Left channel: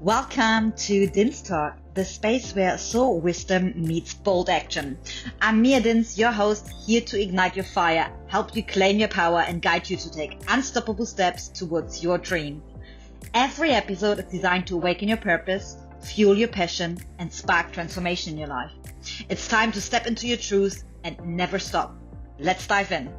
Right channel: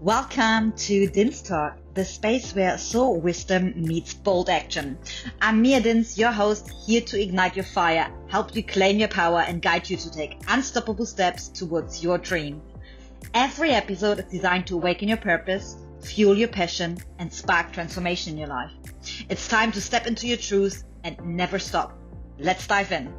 Welcome to Din's Talk, the space where soul wisdom meets bold action. I'm Mia Dins, your host, here to ignite your fire, help you claim your power, and guide you to take unstoppable steps towards your dream. Every episode is designed to awaken your purpose, fuel your passion, and spark transformation in your life. It's time to step into your truth and never stop. Let's dive in.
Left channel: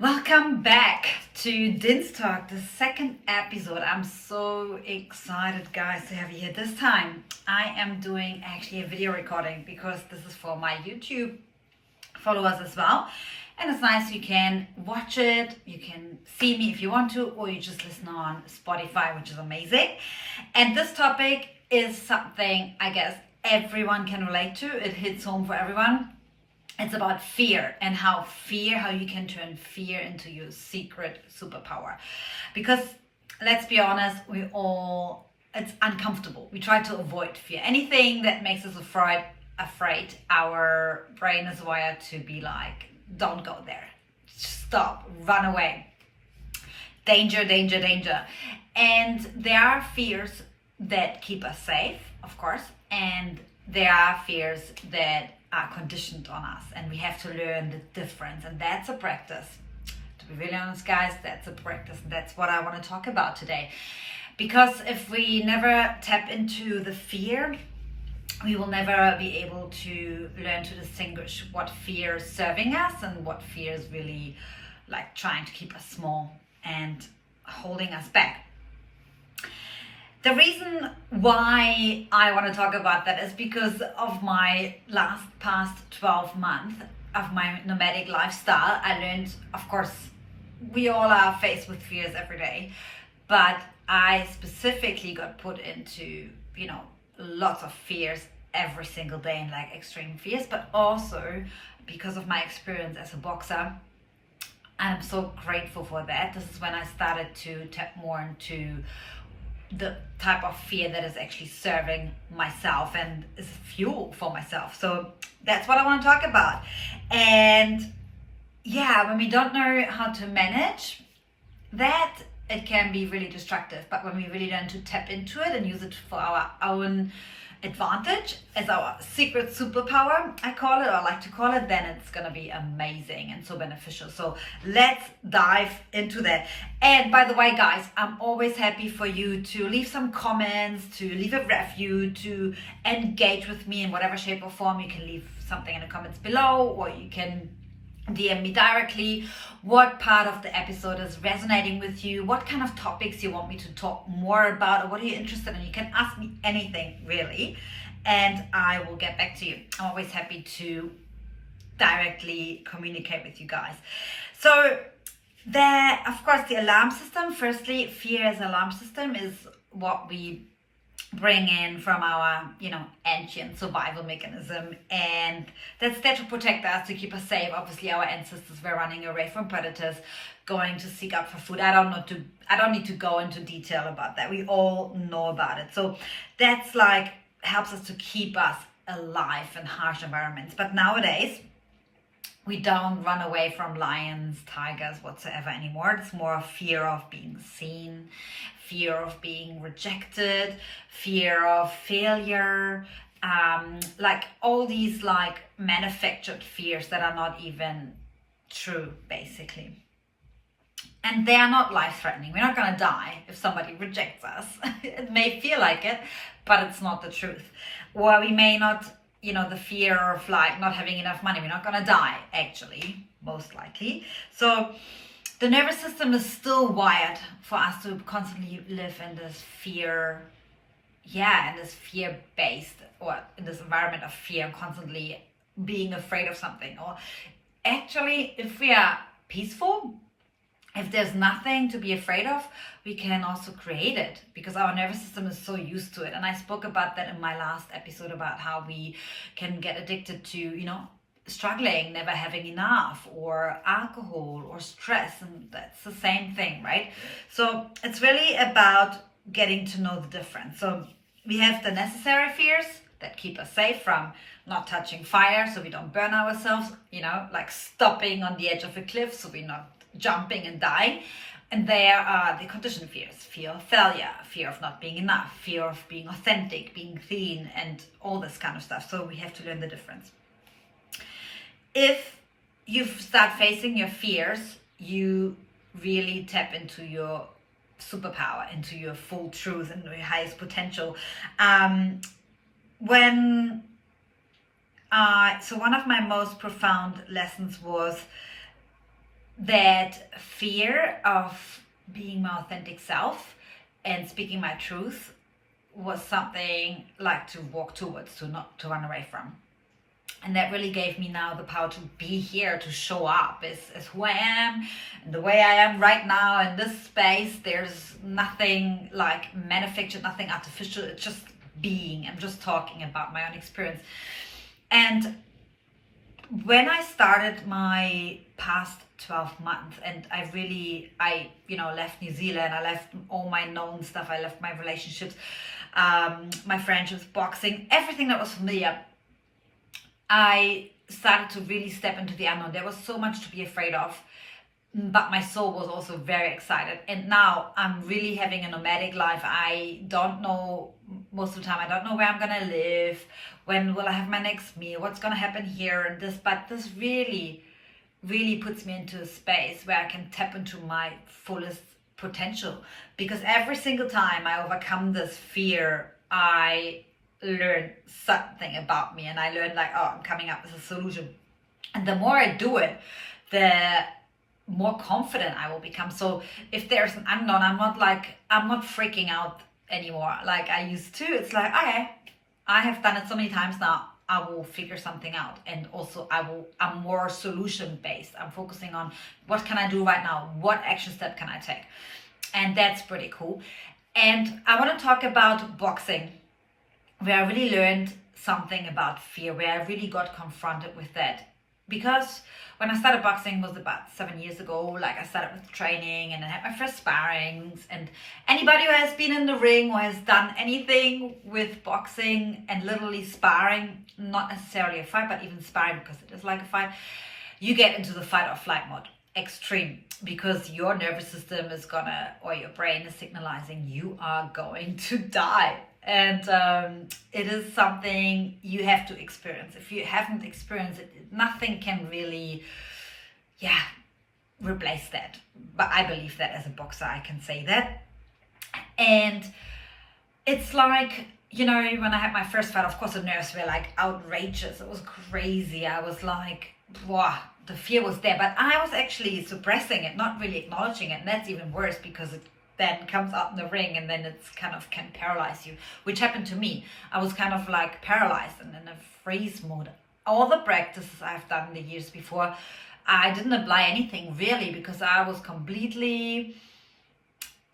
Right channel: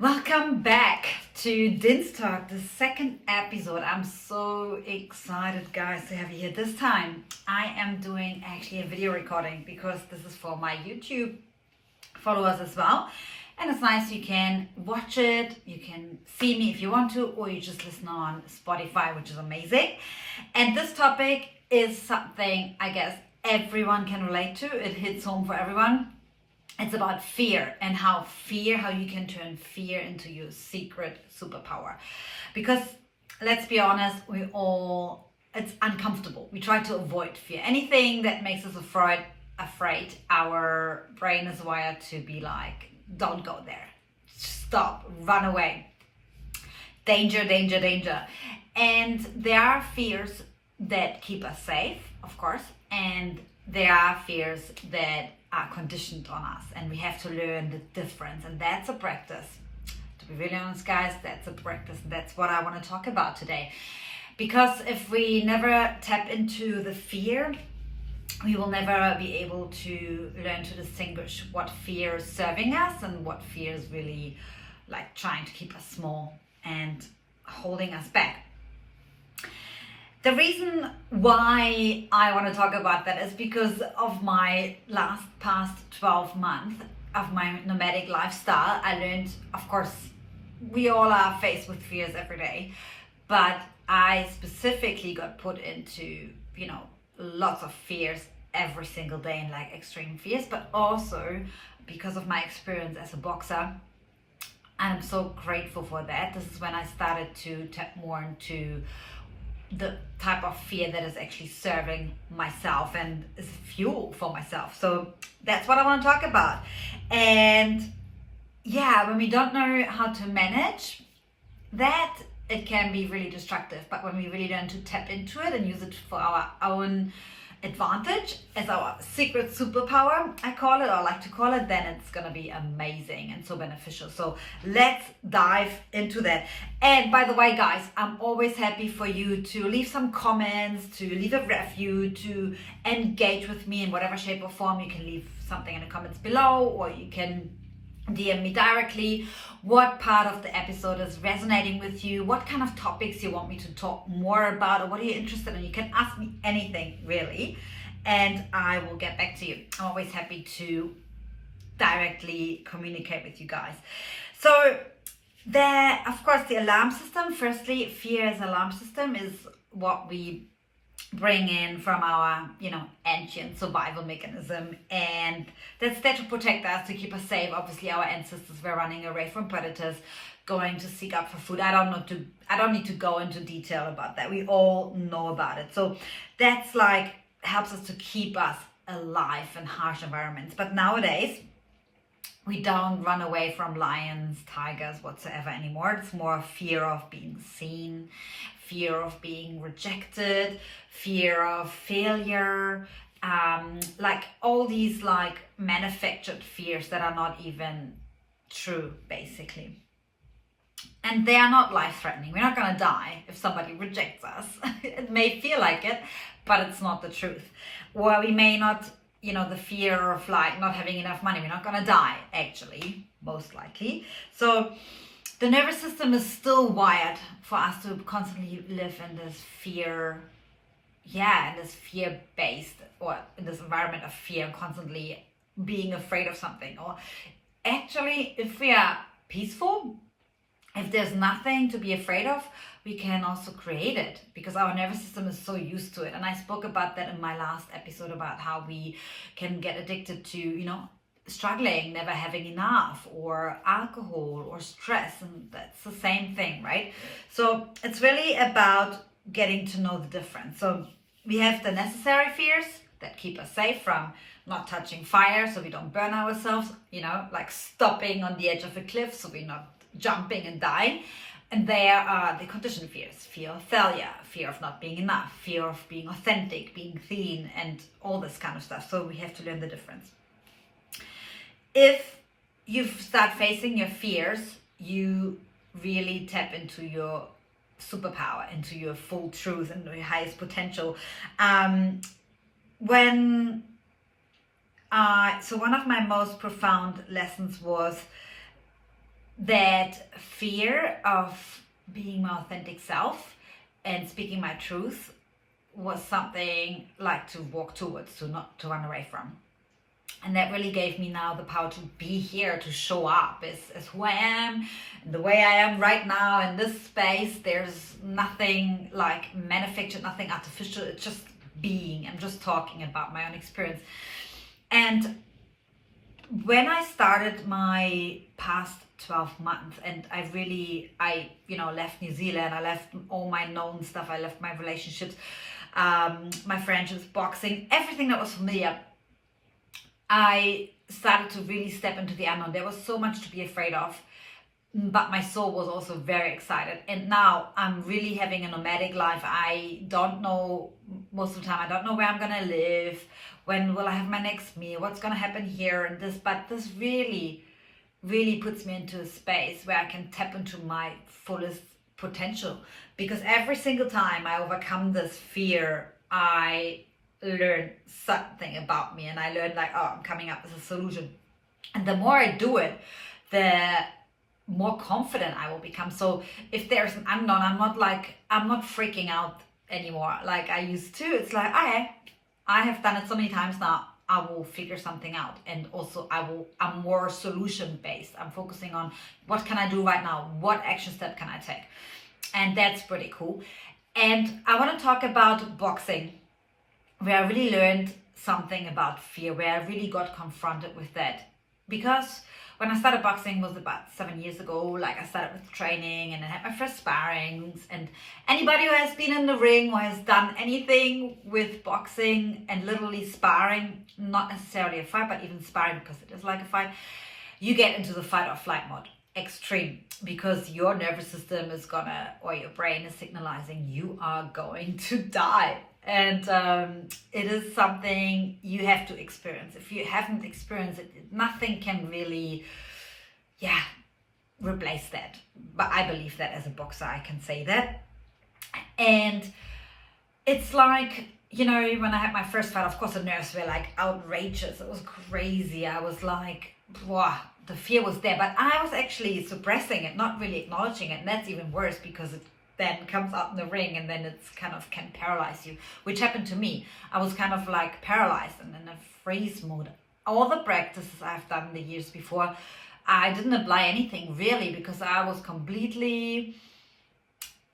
Welcome back to Din's Talk, the second episode. I'm so excited, guys, to have you here. This time, I am doing actually a video recording because this is for my YouTube followers as well. And it's nice, you can watch it, you can see me if you want to, or you just listen on Spotify, which is amazing. And this topic is something I guess everyone can relate to. It hits home for everyone. It's about fear and how you can turn fear into your secret superpower. Because let's be honest, it's uncomfortable. We try to avoid fear. Anything that makes us afraid, our brain is wired to be like, don't go there. Stop, run away. Danger, danger, danger. And there are fears that keep us safe, of course, and there are fears that are conditioned on us, and we have to learn the difference, and that's a practice. To be really honest, guys, that's a practice, and that's what I want to talk about today. Because if we never tap into the fear, we will never be able to learn to distinguish what fear is serving us and what fear is really like trying to keep us small and holding us back. The reason why I want to talk about that is because of my past 12 months of my nomadic lifestyle. I learned, of course, we all are faced with fears every day, but I specifically got put into, lots of fears every single day, and like extreme fears, but also because of my experience as a boxer. And I'm so grateful for that. This is when I started to tap more into the type of fear that is actually serving myself and is fuel for myself. So that's what I want to talk about. And yeah, when we don't know how to manage that, it can be really destructive. But when we really learn to tap into it and use it for our own advantage, as our secret superpower, I call it, or I like to call it, then it's gonna be amazing and so beneficial. So let's dive into that. And by the way, guys, I'm always happy for you to leave some comments, to leave a review, to engage with me in whatever shape or form. You can leave something in the comments below, or you can DM me directly what part of the episode is resonating with you, what kind of topics you want me to talk more about, or what are you interested in. You can ask me anything, really, and I will get back to you. I'm always happy to directly communicate with you guys. So there, of course, the alarm system. Firstly, fear as alarm system is what we bring in from our, ancient survival mechanism, and that's there to protect us, to keep us safe. Obviously, our ancestors were running away from predators, going to seek out for food. I don't need to go into detail about that. We all know about it. So that's like helps us to keep us alive in harsh environments. But nowadays, we don't run away from lions, tigers, whatsoever anymore. It's more fear of being seen, fear of being rejected, fear of failure, like all these like manufactured fears that are not even true, basically. And they are not life-threatening. We're not going to die if somebody rejects us. It may feel like it, but it's not the truth. Or we may not, the fear of like not having enough money. We're not going to die, actually, most likely. So the nervous system is still wired for us to constantly live in this fear, in this fear-based, or in this environment of fear, constantly being afraid of something. Or actually, if we are peaceful, if there's nothing to be afraid of, we can also create it, because our nervous system is so used to it. And I spoke about that in my last episode, about how we can get addicted to, struggling, never having enough, or alcohol, or stress. And that's the same thing, right? So it's really about getting to know the difference. So we have the necessary fears that keep us safe from not touching fire so we don't burn ourselves, like stopping on the edge of a cliff so we're not jumping and dying. And there are the conditioned fears: fear of failure, fear of not being enough, fear of being authentic, being thin, and all this kind of stuff. So we have to learn the difference. If you start facing your fears, you really tap into your superpower, into your full truth and your highest potential. So one of my most profound lessons was that fear of being my authentic self and speaking my truth was something like to walk towards, to not to run away from. And that really gave me now the power to be here, to show up as who I am, and the way I am right now in this space. There's nothing like manufactured, nothing artificial. It's just being. I'm just talking about my own experience. And when I started my past 12 months, and I left New Zealand, I left all my known stuff, I left my relationships, my friendships, boxing, everything that was familiar, I started to really step into the unknown. There was so much to be afraid of, but my soul was also very excited. And now I'm really having a nomadic life. I don't know, most of the time, I don't know where I'm gonna live, when will I have my next meal, what's gonna happen here and this, but this really, really puts me into a space where I can tap into my fullest potential. Because every single time I overcome this fear, I learn something about me, and I learned like, oh, I'm coming up with a solution. And the more I do it, the more confident I will become. So if there's an unknown, I'm not freaking out anymore like I used to. It's like, okay, I have done it so many times now, I will figure something out. And also I'm more solution based. I'm focusing on what can I do right now? What action step can I take? And that's pretty cool. And I want to talk about boxing, where I really learned something about fear, where I really got confronted with that. Because when I started boxing was about 7 years ago. Like, I started with training and I had my first sparrings. And anybody who has been in the ring or has done anything with boxing and literally sparring, not necessarily a fight, but even sparring, because it is like a fight, you get into the fight or flight mode. Extreme, because your nervous system is or your brain is signalizing you are going to die. And it is something you have to experience. If you haven't experienced it, nothing can really, replace that. But I believe that as a boxer, I can say that. And it's like, when I had my first fight, of course, the nerves were like outrageous. It was crazy. I was like, wow, the fear was there. But I was actually suppressing it, not really acknowledging it. And that's even worse, because it then comes out in the ring, and then it's kind of can paralyze you, which happened to me. I was kind of like paralyzed and in a freeze mode. All the practices I've done in the years before, I didn't apply anything really, because I was completely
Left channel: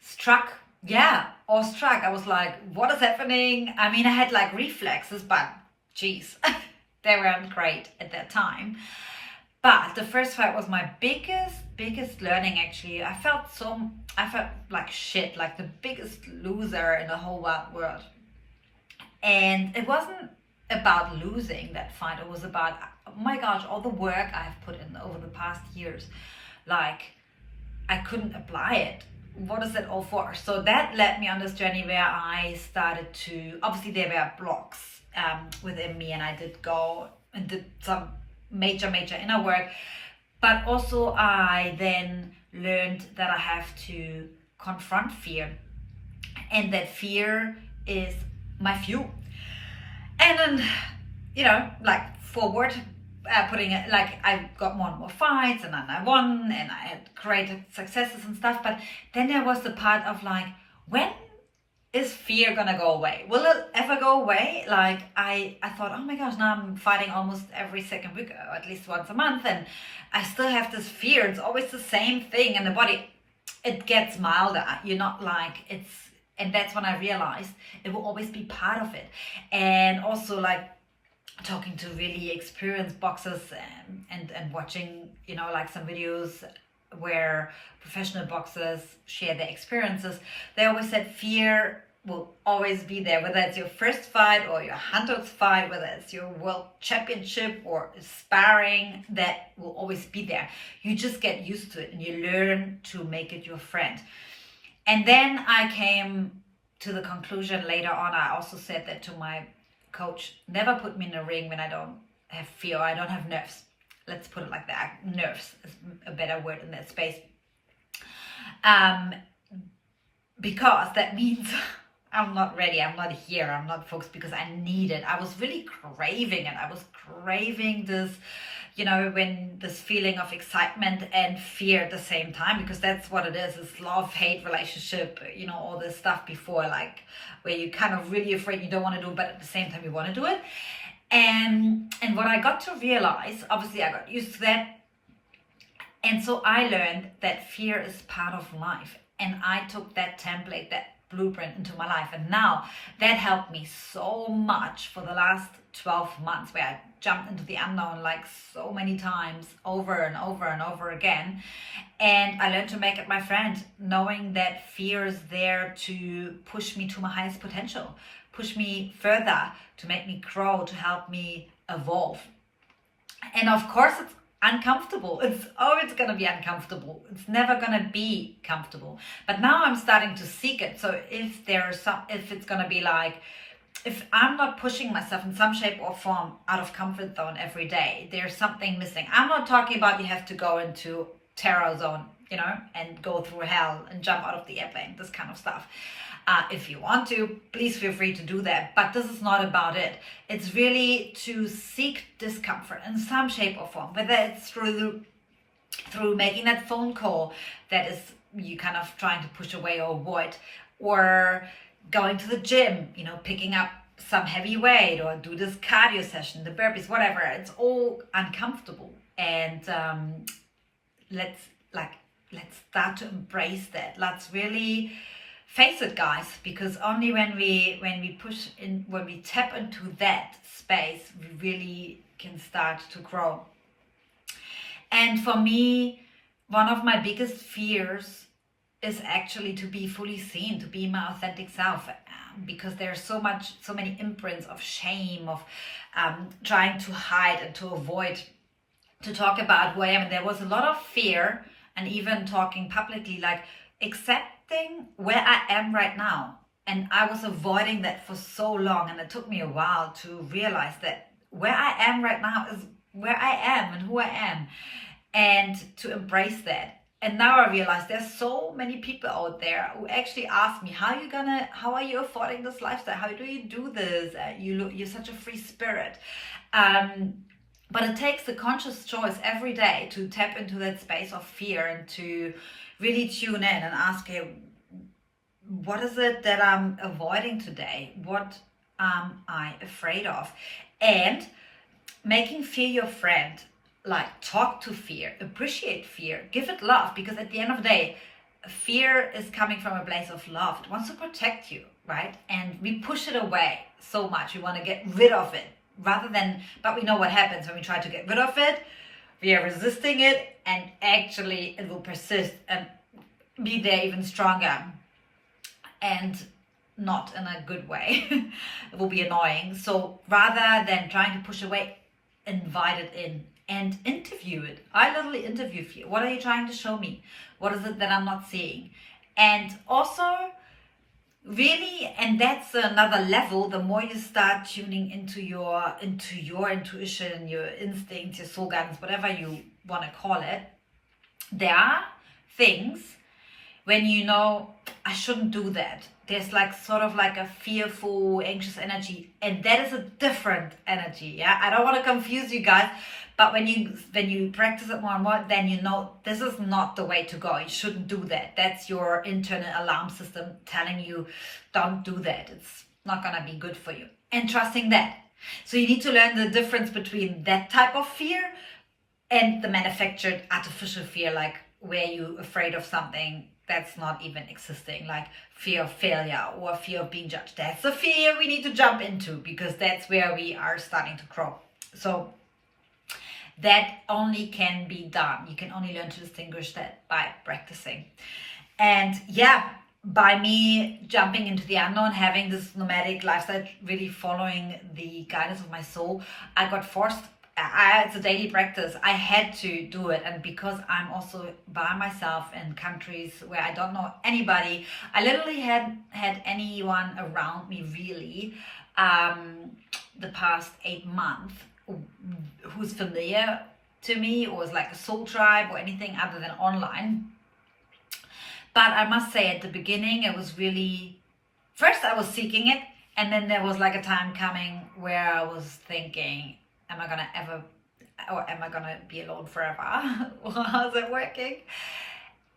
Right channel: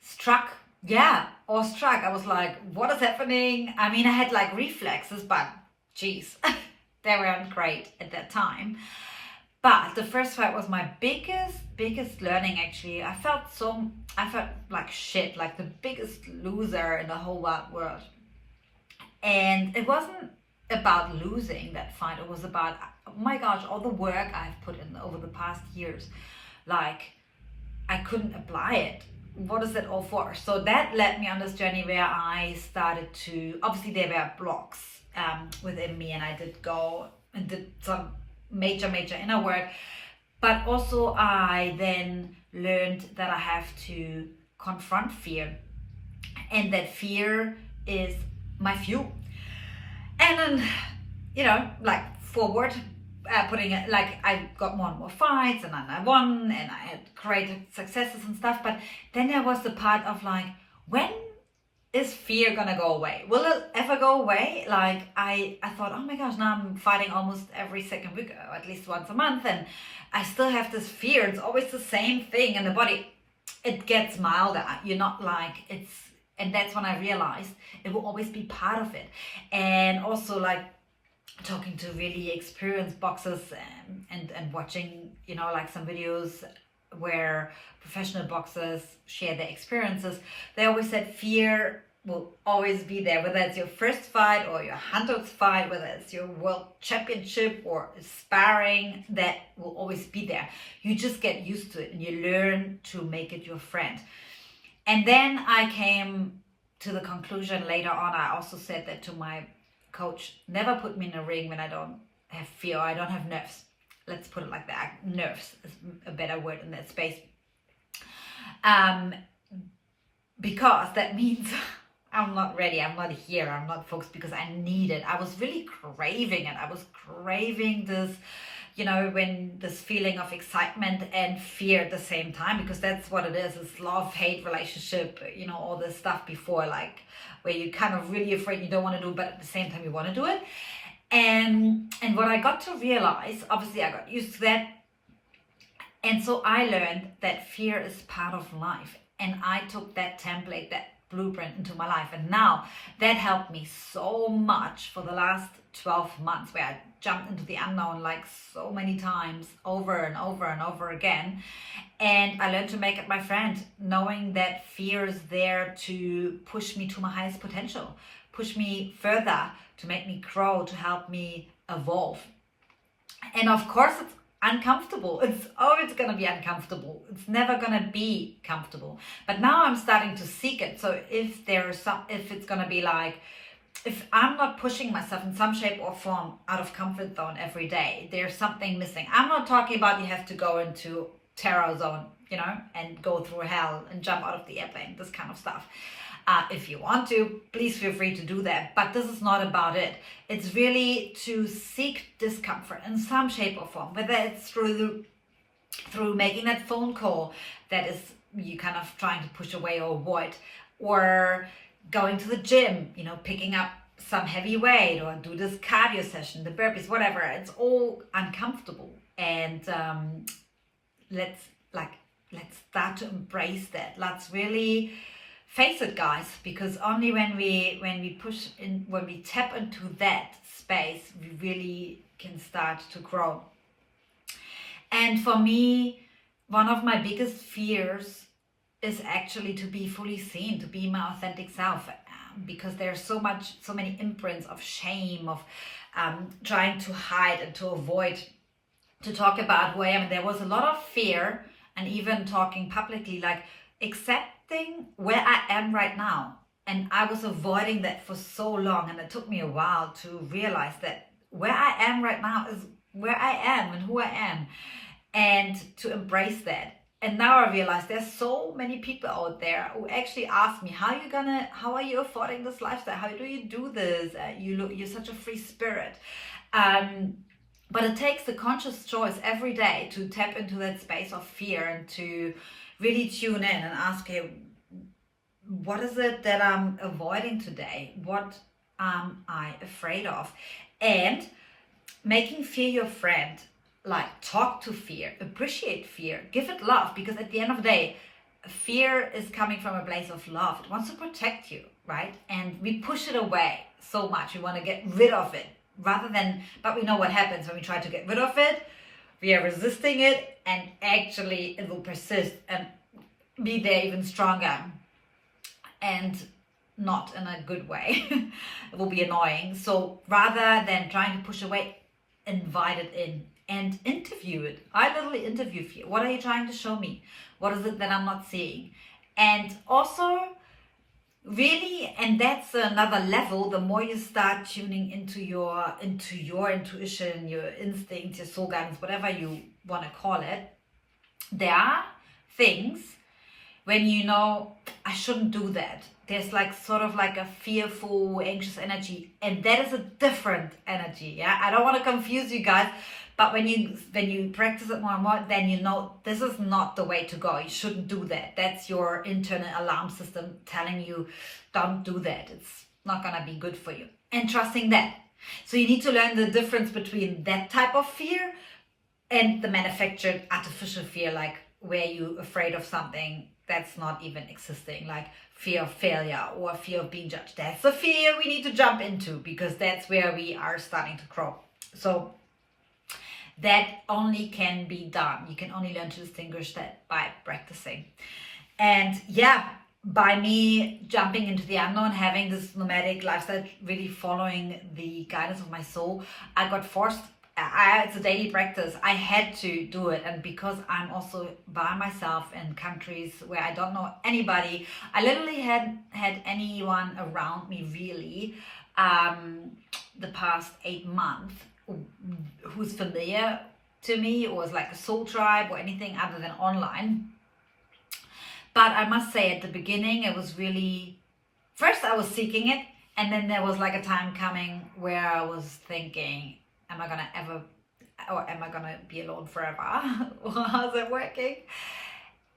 struck. I was like, what is happening? I mean, I had like reflexes, but geez, they weren't great at that time. But the first fight was my biggest learning, actually. I felt like shit, like the biggest loser in the whole wide world. And it wasn't about losing that fight. It was about, oh my gosh, all the work I've put in over the past years. Like, I couldn't apply it. What is it all for? So that led me on this journey where I started to, obviously there were blocks within me, and I did go and did some major inner work. But also I then learned that I have to confront fear, and that fear is my fuel. And then, like forward, putting it, like I got more and more fights, and then I won, and I had great successes and stuff. But then there was the part of like, when is fear gonna go away? Will it ever go away? Like I thought, oh my gosh, now I'm fighting almost every second week, or at least once a month, and I still have this fear. It's always the same thing in the body. It gets milder. You're not like and that's when I realized it will always be part of it. And also like talking to really experienced boxers and watching, like some videos where professional boxers share their experiences. They always said fear will always be there, whether it's your first fight or your 100th fight, whether it's your world championship or sparring, that will always be there. You just get used to it and you learn to make it your friend. And then I came to the conclusion later on, I also said that to my coach, never put me in a ring when I don't have fear, or I don't have nerves. Let's put it like that. Nerves is a better word in that space. Because that means I'm not ready, I'm not here, I'm not focused, because I need it. I was really craving it. I was craving this, when this feeling of excitement and fear at the same time, because that's what it is. It's love-hate relationship, all this stuff before, like where you're kind of really afraid you don't want to do it, but at the same time you want to do it. And what I got to realize, obviously I got used to that. And so I learned that fear is part of life. And I took that template, that blueprint into my life. And now that helped me so much for the last 12 months, where I jumped into the unknown like so many times over and over and over again. And I learned to make it my friend, knowing that fear is there to push me to my highest potential, push me further, to make me grow, to help me evolve. And of course, it's uncomfortable. It's always going to be uncomfortable. It's never going to be comfortable. But now I'm starting to seek it. So if it's going to be like, if I'm not pushing myself in some shape or form out of comfort zone every day, there's something missing. I'm not talking about you have to go into terror zone, and go through hell and jump out of the airplane, this kind of stuff. If you want to, please feel free to do that. But this is not about it. It's really to seek discomfort in some shape or form, whether it's through making that phone call that is you kind of trying to push away or avoid, or going to the gym, picking up some heavy weight, or do this cardio session, the burpees, whatever. It's all uncomfortable. And let's start to embrace that. Let's really face it, guys, because only when we push in, when we tap into that space, we really can start to grow. And for me, one of my biggest fears is actually to be fully seen, to be my authentic self, because there's so many imprints of shame, of trying to hide and to avoid to talk about who I am. And there was a lot of fear, and even talking publicly, like accepting where I am right now. And I was avoiding that for so long, and it took me a while to realize that where I am right now is where I am and who I am, and to embrace that. And now I realize there's so many people out there who actually ask me, how are you affording this lifestyle? How do you do this? You're such a free spirit. But it takes a conscious choice every day to tap into that space of fear and to really tune in and ask, hey, what is it that I'm avoiding today? What am I afraid of? And making fear your friend. Like, talk to fear, appreciate fear, give it love, because at the end of the day, fear is coming from a place of love. It wants to protect you, right? And we push it away so much. We want to get rid of it but we know what happens when we try to get rid of it. We are resisting it, and actually it will persist and be there even stronger, and not in a good way. It will be annoying. So rather than trying to push away, invite it in and interview it. I literally interview fear. What are you trying to show me? What is it that I'm not seeing? And also, really, and that's another level, the more you start tuning into your intuition, your instincts, your soul guidance, whatever you want to call it, there are things when I shouldn't do that. There's like sort of like a fearful, anxious energy, and that is a different energy. Yeah, I don't want to confuse you guys, but when you practice it more and more, then this is not the way to go. You shouldn't do that. That's your internal alarm system telling you, don't do that. It's not gonna be good for you. And trusting that. So you need to learn the difference between that type of fear and the manufactured artificial fear, like where you're afraid of something that's not even existing, like fear of failure or fear of being judged. That's the fear we need to jump into, because that's where we are starting to grow. So that only can be done. You can only learn to distinguish that by practicing. And yeah, by me jumping into the unknown, having this nomadic lifestyle, really following the guidance of my soul, I got forced. It's a daily practice. I had to do it, and because I'm also by myself in countries where I don't know anybody, I literally had anyone around me really, the past 8 months, who's familiar to me or is like a soul tribe or anything other than online. But I must say, at the beginning, it was really, first I was seeking it, and then there was like a time coming where I was thinking, am I gonna ever, or am I gonna be alone forever? How's it working?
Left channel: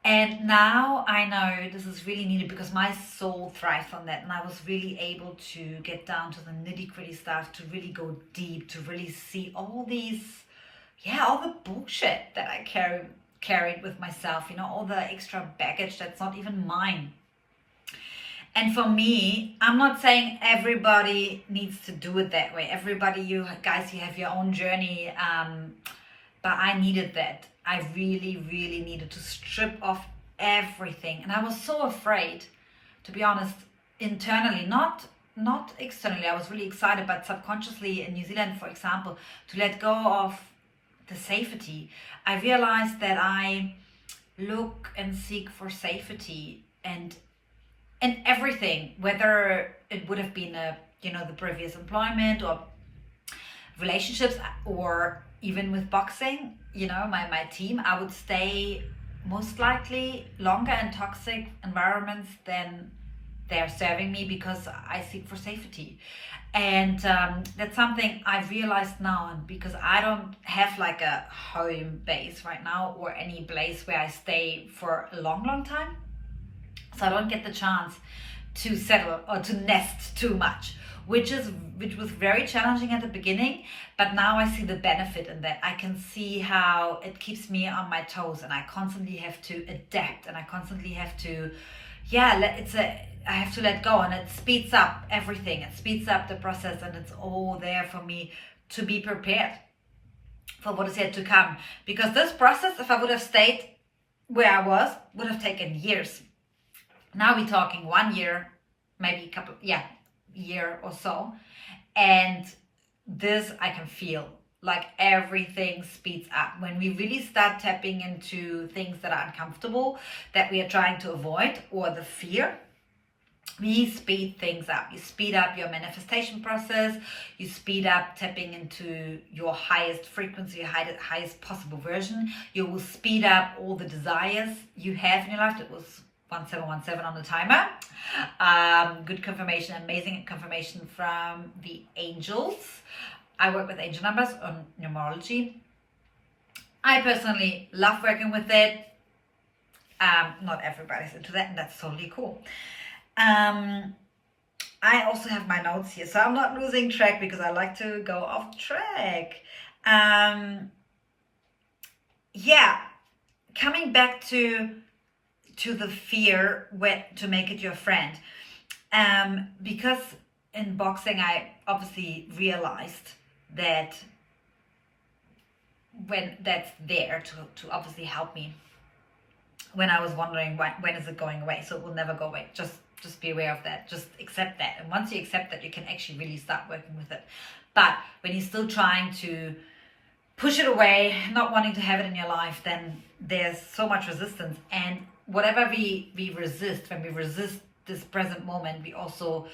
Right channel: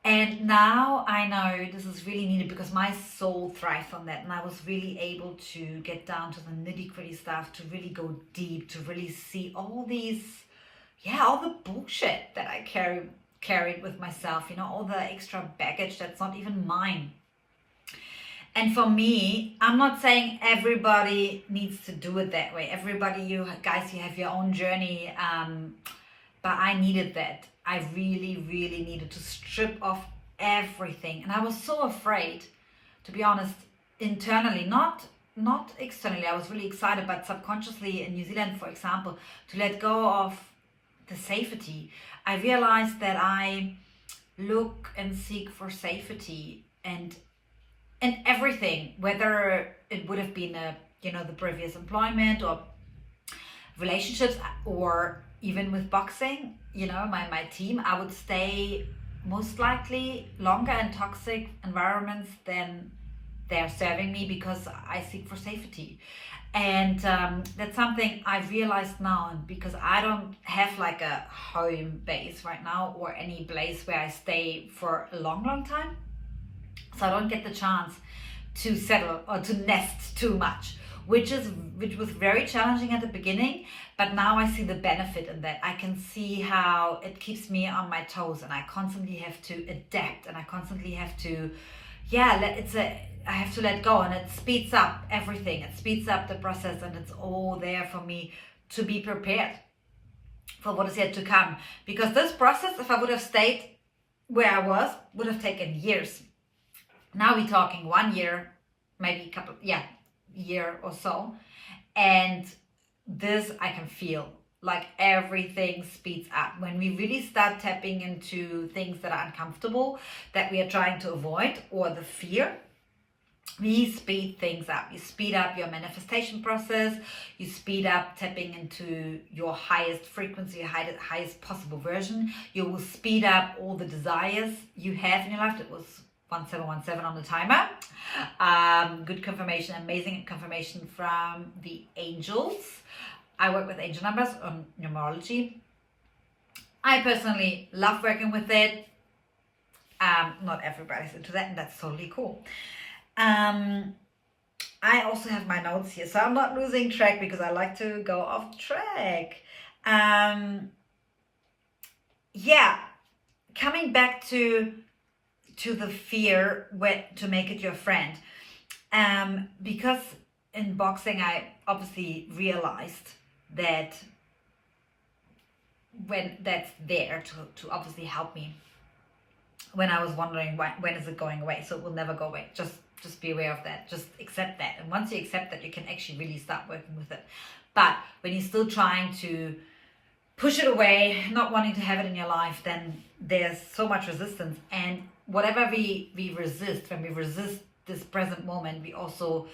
And now I know this is really needed because my soul thrives on that, and I was really able to get down to the nitty-gritty stuff, to really go deep, to really see all these, all the bullshit that I carried with myself, all the extra baggage that's not even mine. And for me, I'm not saying everybody needs to do it that way. Everybody, you guys, you have your own journey. But I needed that. I really, really needed to strip off everything. And I was so afraid, to be honest, internally, not externally. I was really excited, but subconsciously in New Zealand, for example, to let go of the safety. I realized that I look and seek for safety and everything, whether it would have been the previous employment or relationships, or even with boxing, my team, I would stay most likely longer in toxic environments than they're serving me, because I seek for safety. And that's something I realized now, and because I don't have like a home base right now or any place where I stay for a long time, so I don't get the chance to settle or to nest too much, which was very challenging at the beginning. But now I see the benefit in that. I can see how it keeps me on my toes, and I constantly have to adapt, and I constantly have to I have to let go, and it speeds up everything. It speeds up the process, and it's all there for me to be prepared for what is yet to come. Because this process, if I would have stayed where I was, would have taken years. Now we're talking 1 year, maybe year or so. And this I can feel, like everything speeds up. When we really start tapping into things that are uncomfortable, that we are trying to avoid, or the fear, we speed things up. You speed up your manifestation process. You speed up tapping into your highest frequency, your highest possible version. You will speed up all the desires you have in your life. It was 1717 on the timer. Good confirmation, amazing confirmation from the angels. I work with angel numbers on numerology. I personally love working with it. Not everybody's into that, and that's totally cool. I also have my notes here, so I'm not losing track because I like to go off track. Coming back to the fear, to make it your friend. Because in boxing, I obviously realized that when that's there to obviously help me when I was wondering when is it going away. So it will never go away. Just be aware of that. Just accept that. And once you accept that, you can actually really start working with it. But when you're still trying to push it away, not wanting to have it in your life, then there's so much resistance. And whatever we resist, when we resist this present moment, we also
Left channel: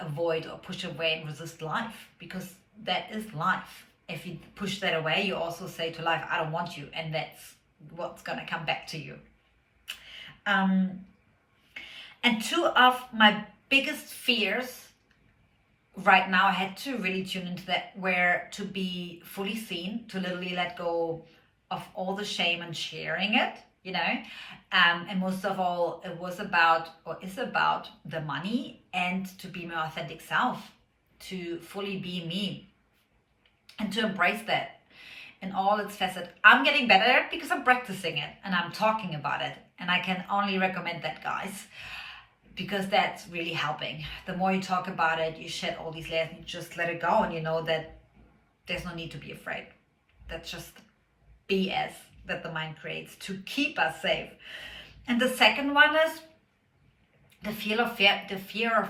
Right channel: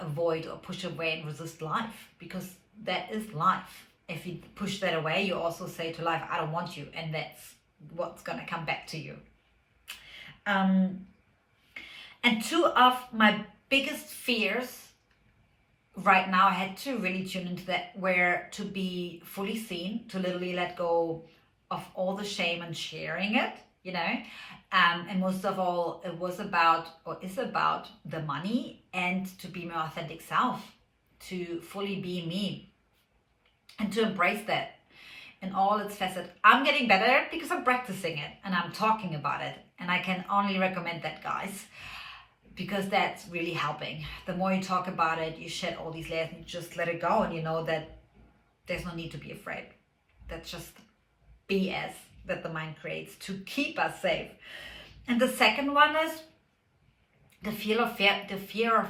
avoid or push away and resist life, because that is life. If you push that away, you also say to life, I don't want you. And that's what's going to come back to you. And two of my biggest fears right now, I had to really tune into that, were to be fully seen, to literally let go of all the shame and sharing it, and most of all, it was about, or is about, the money, and to be my authentic self, to fully be me, and to embrace that in all its facets. I'm getting better at it because I'm practicing it and I'm talking about it, and I can only recommend that, guys, because that's really helping. The more you talk about it, you shed all these layers and you just let it go, and you know that there's no need to be afraid. That's just BS that the mind creates to keep us safe. And the second one is the fear of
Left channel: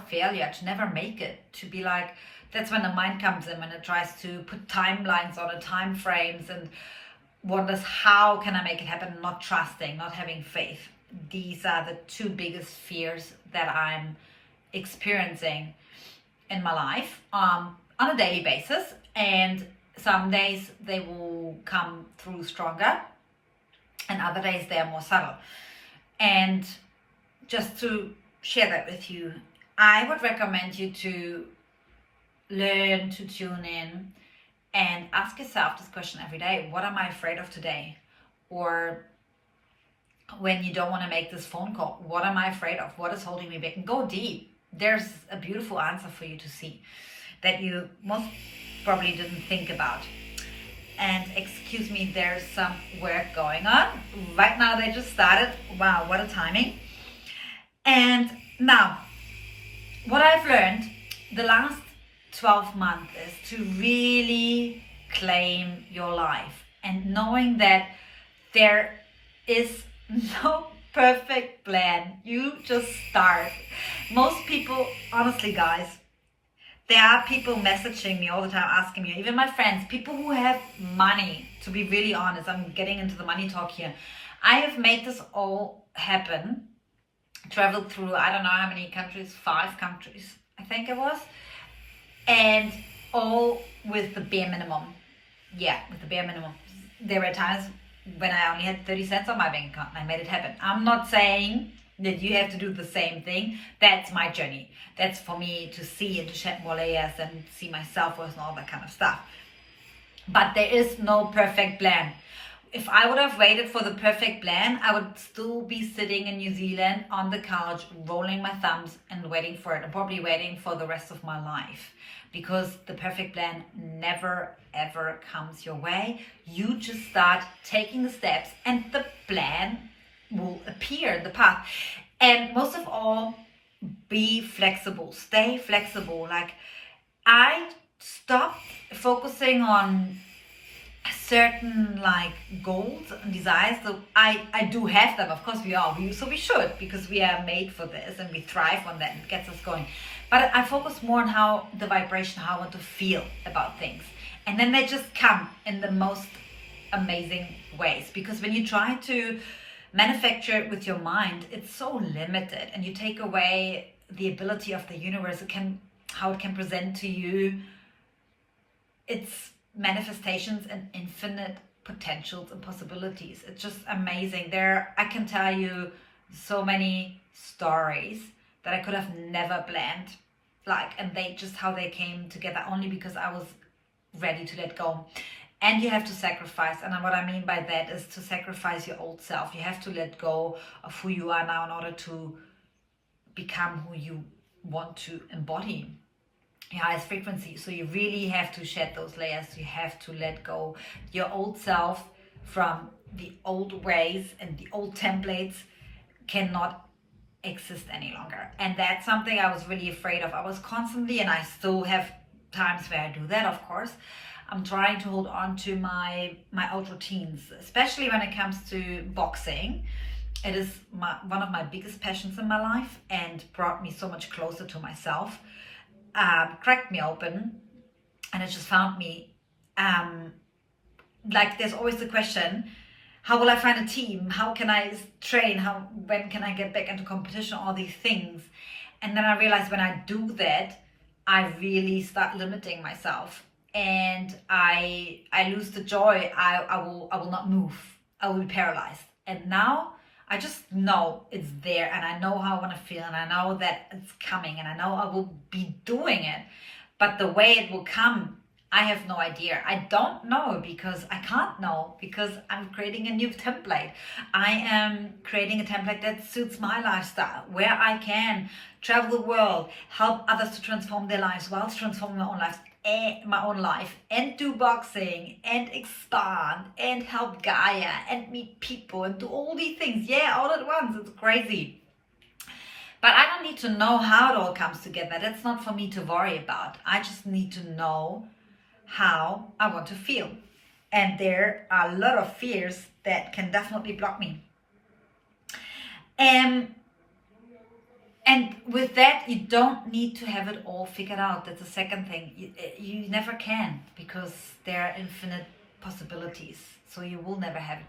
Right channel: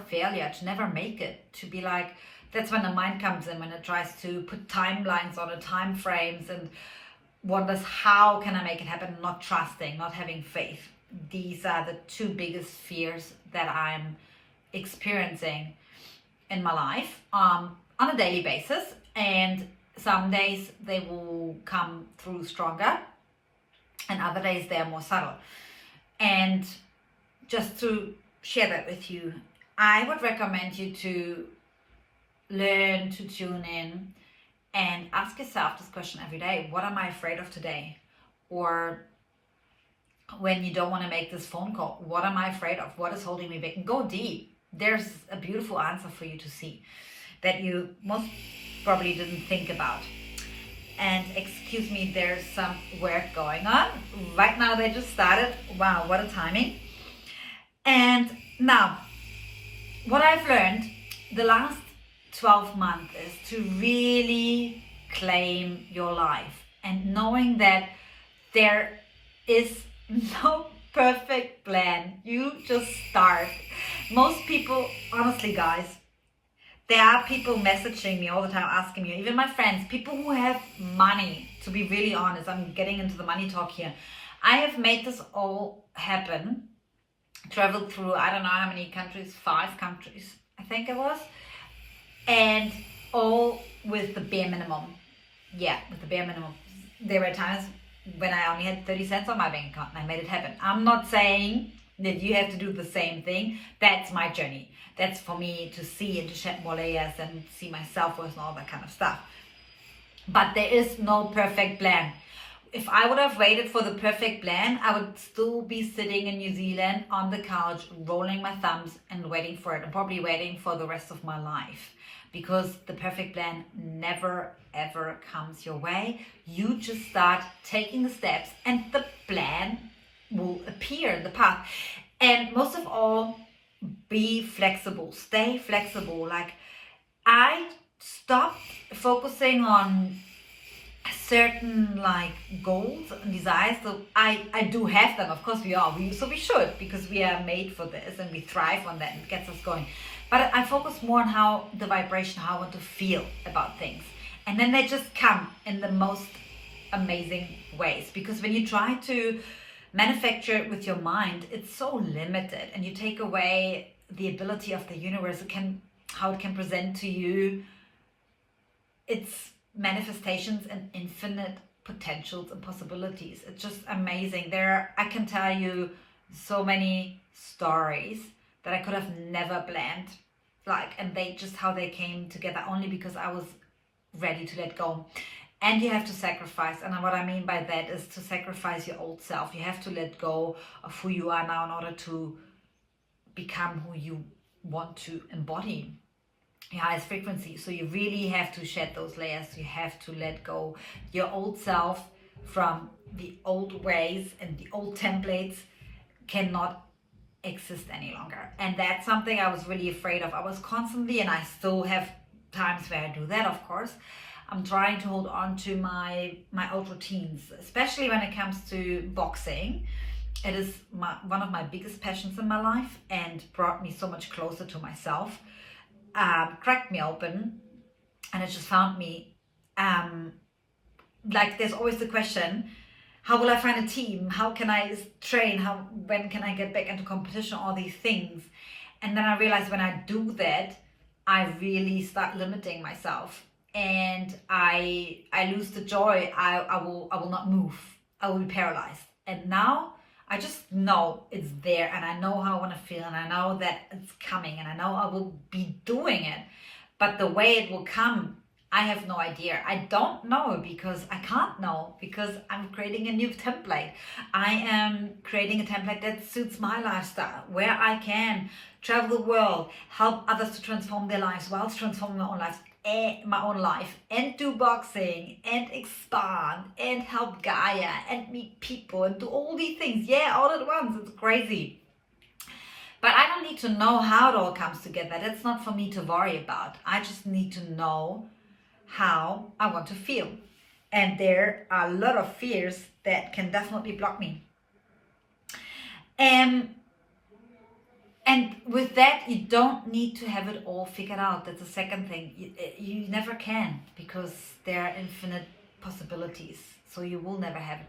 failure, to never make it, to be like, that's when the mind comes in, when it tries to put timelines on it, time frames, and wonders how can I make it happen, not trusting, not having faith. These are the two biggest fears that I'm experiencing in my life on a daily basis, and some days they will come through stronger and other days they are more subtle. And just to share that with you, I would recommend you to learn to tune in and ask yourself this question every day: what am I afraid of today? Or when you don't want to make this phone call, what am I afraid of? What is holding me back? And go deep. There's a beautiful answer for you to see that you most probably didn't think about. And excuse me, there's some work going on. Right now they just started. Wow, what a timing. And now, what I've learned the last 12 months is to really claim your life, and knowing that there is no perfect plan. You just start. Most people, honestly guys, there are people messaging me all the time asking me, even my friends, people who have money, to be really honest, I'm getting into the money talk here. I have made this all happen, traveled through, I don't know how many countries, 5 countries, I think it was, and all with the bare minimum. Yeah, with the bare minimum. There were times when I only had 30 cents on my bank account and I made it happen. I'm not saying that you have to do the same thing. That's my journey. That's for me to see and to shed more layers and see my self-worth and all that kind of stuff. But there is no perfect plan. If I would have waited for the perfect plan, I would still be sitting in New Zealand on the couch, rolling my thumbs and waiting for it. I'm probably waiting for the rest of my life, because the perfect plan never ever comes your way. You just start taking the steps and the plan will appear in the path. And most of all, be flexible, stay flexible. Like, I stopped focusing on certain like goals and desires. So I do have them, of course so we should, because we are made for this and we thrive on that and it gets us going. But I focus more on how the vibration, how I want to feel about things, and then they just come in the most amazing ways. Because when you try to manufacture it with your mind, it's so limited, and you take away the ability of the universe, how it can present to you its manifestations and infinite potentials and possibilities. It's just amazing. I can tell you so many stories that I could have never planned, and they just, how they came together, only because I was ready to let go. And you have to sacrifice, and what I mean by that is to sacrifice your old self. You have to let go of who you are now in order to become who you want to embody, your highest frequency. So you really have to shed those layers. You have to let go your old self from the old ways, and the old templates cannot exist any longer. And that's something I was really afraid of. I was constantly, and I still have times where I do that, of course. I'm trying to hold on to my old routines, especially when it comes to boxing. It is one of my biggest passions in my life, and brought me so much closer to myself. Cracked me open, and it just found me, there's always the question, how will I find a team? How can I train? When can I get back into competition? All these things. And then I realized when I do that, I really start limiting myself, and I lose the joy. I will not move. I will be paralyzed. And now I just know it's there, and I know how I want to feel, and I know that it's coming, and I know I will be doing it. But the way it will come, I have no idea. I don't know, because I can't know, because I'm creating a new template. I am creating a template that suits my lifestyle, where I can travel the world, help others to transform their lives whilst transforming my own life, and do boxing and expand and help Gaia and meet people and do all these things, all at once. It's crazy. But I don't need to know how it all comes together. That's not for me to worry about. I just need to know how I want to feel. And there are a lot of fears that can definitely block me. And with that, you don't need to have it all figured out. That's the second thing. You never can, because there are infinite possibilities. So you will never have it,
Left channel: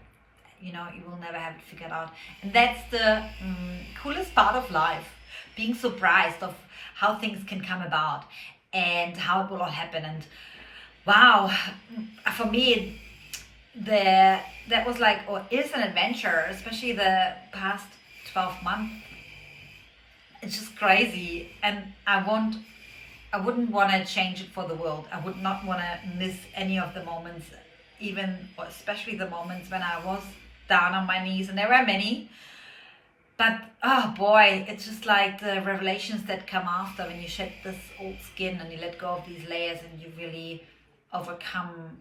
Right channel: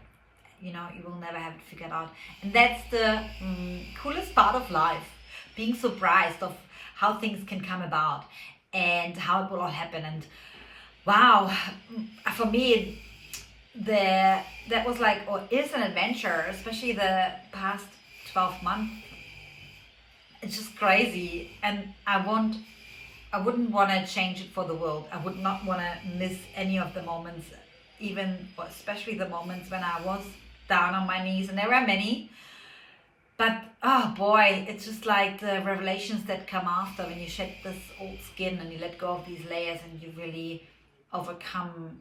you will never have it figured out. And that's the coolest part of life, being surprised of how things can come about and how it will all happen. And wow, for me, that was like, or is an adventure, especially the past 12 months. It's just crazy, and I wouldn't want to change it for the world. I would not want to miss any of the moments, even or especially the moments when I was down on my knees, and there were many. But oh boy, it's just like the revelations that come after when you shed this old skin and you let go of these layers and you really overcome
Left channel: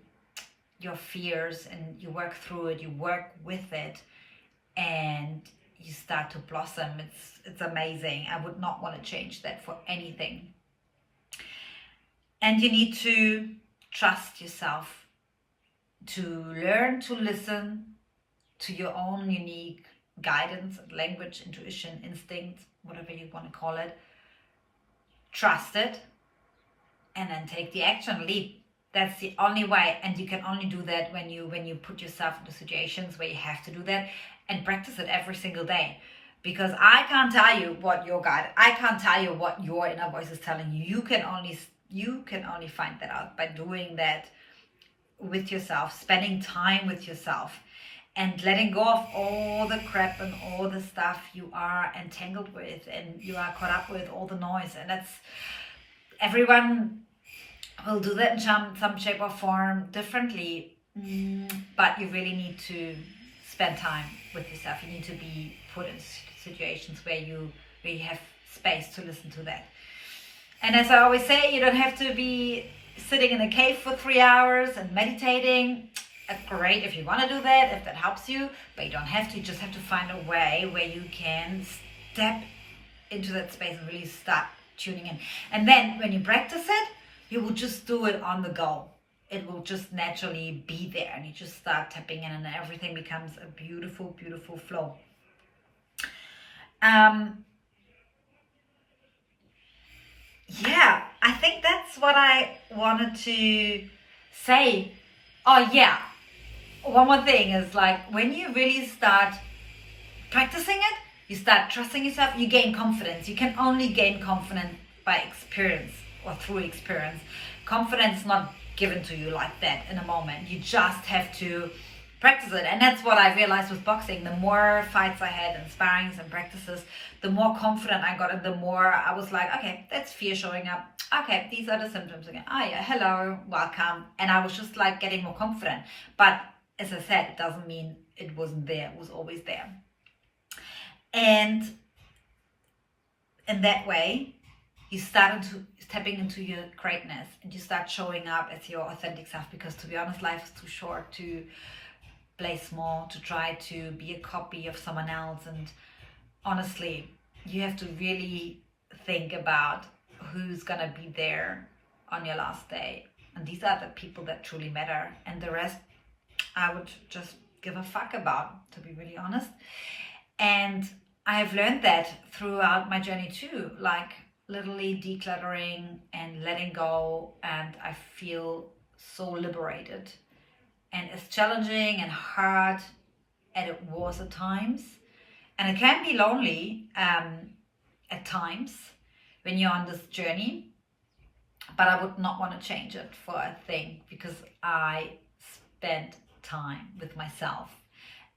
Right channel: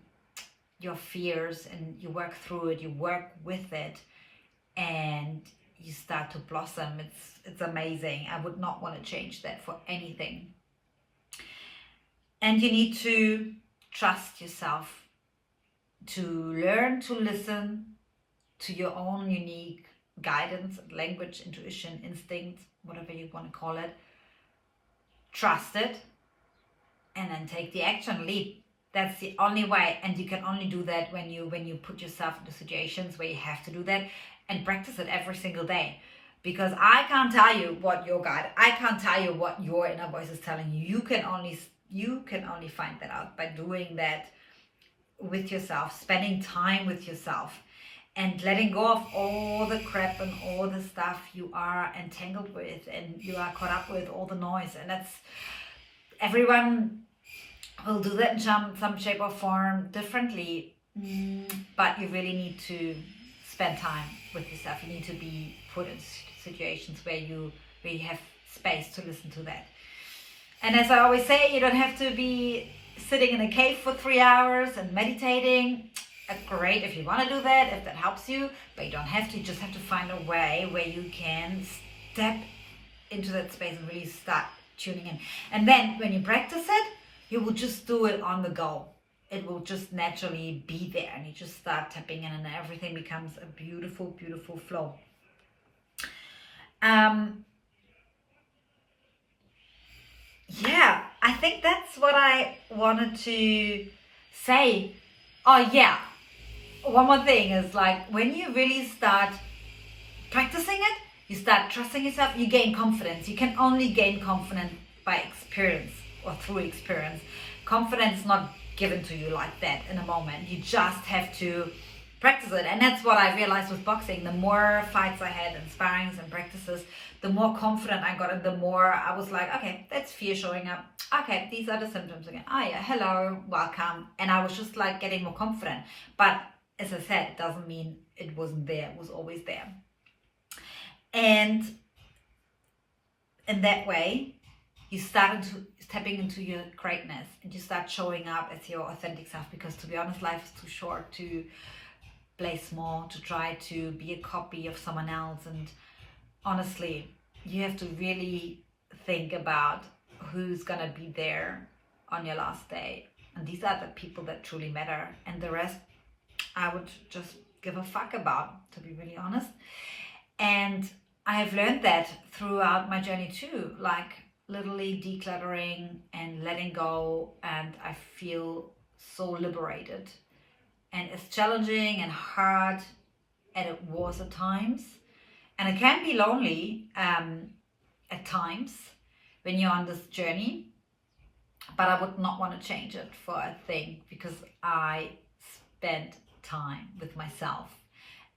your fears and you work through it, you work with it, and you start to blossom. It's amazing. I would not want to change that for anything. And you need to trust yourself, to learn to listen to your own unique guidance, language, intuition, instinct, whatever you want to call it. Trust it, and then take the action, leap. That's the only way, and you can only do that when you put yourself into situations where you have to do that, and practice it every single day. Because I can't tell you what your guide, I can't tell you what your inner voice is telling you. You can only find that out by doing that with yourself, spending time with yourself, and letting go of all the crap and all the stuff you are entangled with and you are caught up with, all the noise. And that's, everyone will do that in some shape or form differently, but you really need to spend time with yourself. You need to be put in situations where you have space to listen to that. And as I always say, you don't have to be sitting in a cave for 3 hours and meditating. Great if you want to do that, if that helps you, but you don't have to. You just have to find a way where you can step into that space and really start tuning in. And then when you practice it, you will just do it on the go. It will just naturally be there, and you just start tapping in, and everything becomes a beautiful, beautiful flow. Yeah, I think that's what I wanted to say. Oh yeah, one more thing is, like, when you really start practicing it, you start trusting yourself, you gain confidence. You can only gain confidence by experience or through experience. Confidence is not given to you like that in a moment. You just have to practice it. And that's what I realized with boxing. The more fights I had and sparrings and practices, the more confident I got, and the more I was like, okay, that's fear showing up. Okay, these are the symptoms again. Oh yeah, hello, welcome. And I was just like getting more confident. But as I said, it doesn't mean it wasn't there. It was always there. And in that way, you start stepping into your greatness, and you start showing up as your authentic self. Because to be honest, life is too short to play small, to try to be a copy of someone else. And honestly, you have to really think about who's gonna be there on your last day. And these are the people that truly matter. And the rest, I would just give a fuck about, to be really honest. And I have learned that throughout my journey too, like literally decluttering and letting go. And I feel so liberated. And it's challenging and hard, and it was at times. And it can be lonely at times when you're on this journey. But I would not want to change it for a thing, because I spent time with myself,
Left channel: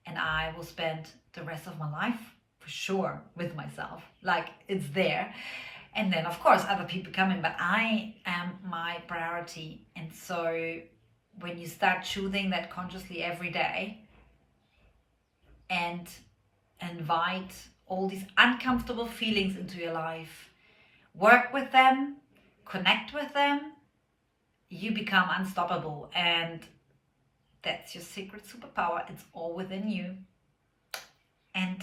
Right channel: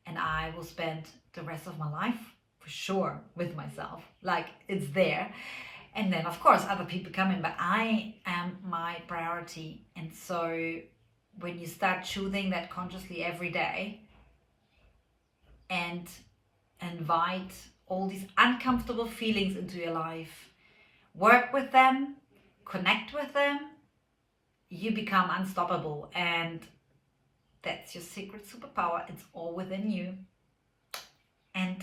and I will spend the rest of my life for sure with myself. Like, it's there. And then of course other people come in, but I am my priority. And so when you start choosing that consciously every day and invite all these uncomfortable feelings into your life, work with them, connect with them, you become unstoppable. And that's your secret superpower. It's all within you. And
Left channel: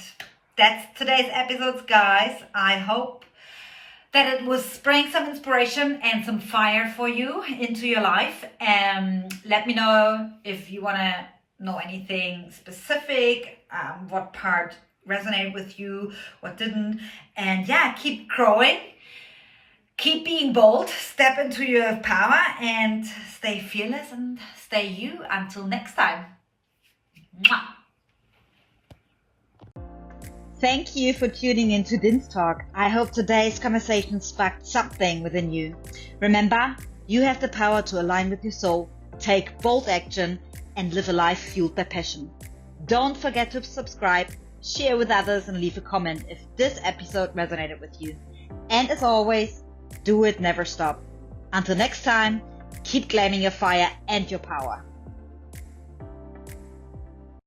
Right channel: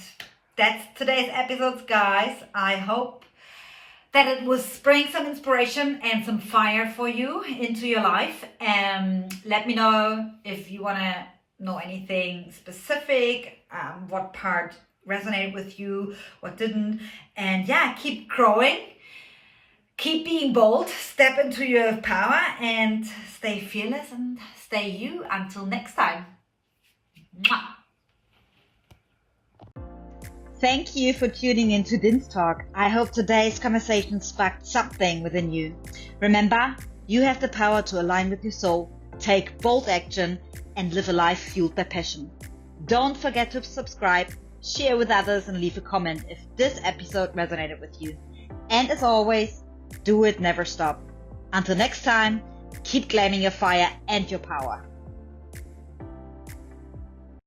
that's today's episodes, guys. I hope that it was spraying some inspiration and some fire for you into your life. Let me know if you want to know anything specific, what part resonated with you, what didn't. And yeah, keep growing, keep being bold, step into your power, and stay fearless and stay you. Until next time. Mwah. Thank you for tuning in to Din's Talk. I hope today's conversation sparked something within you. Remember, you have the power to align with your soul, take bold action, and live a life fueled by passion. Don't forget to subscribe, share with others, and leave a comment if this episode resonated with you. And as always, do it, never stop. Until next time, keep claiming your fire and your power.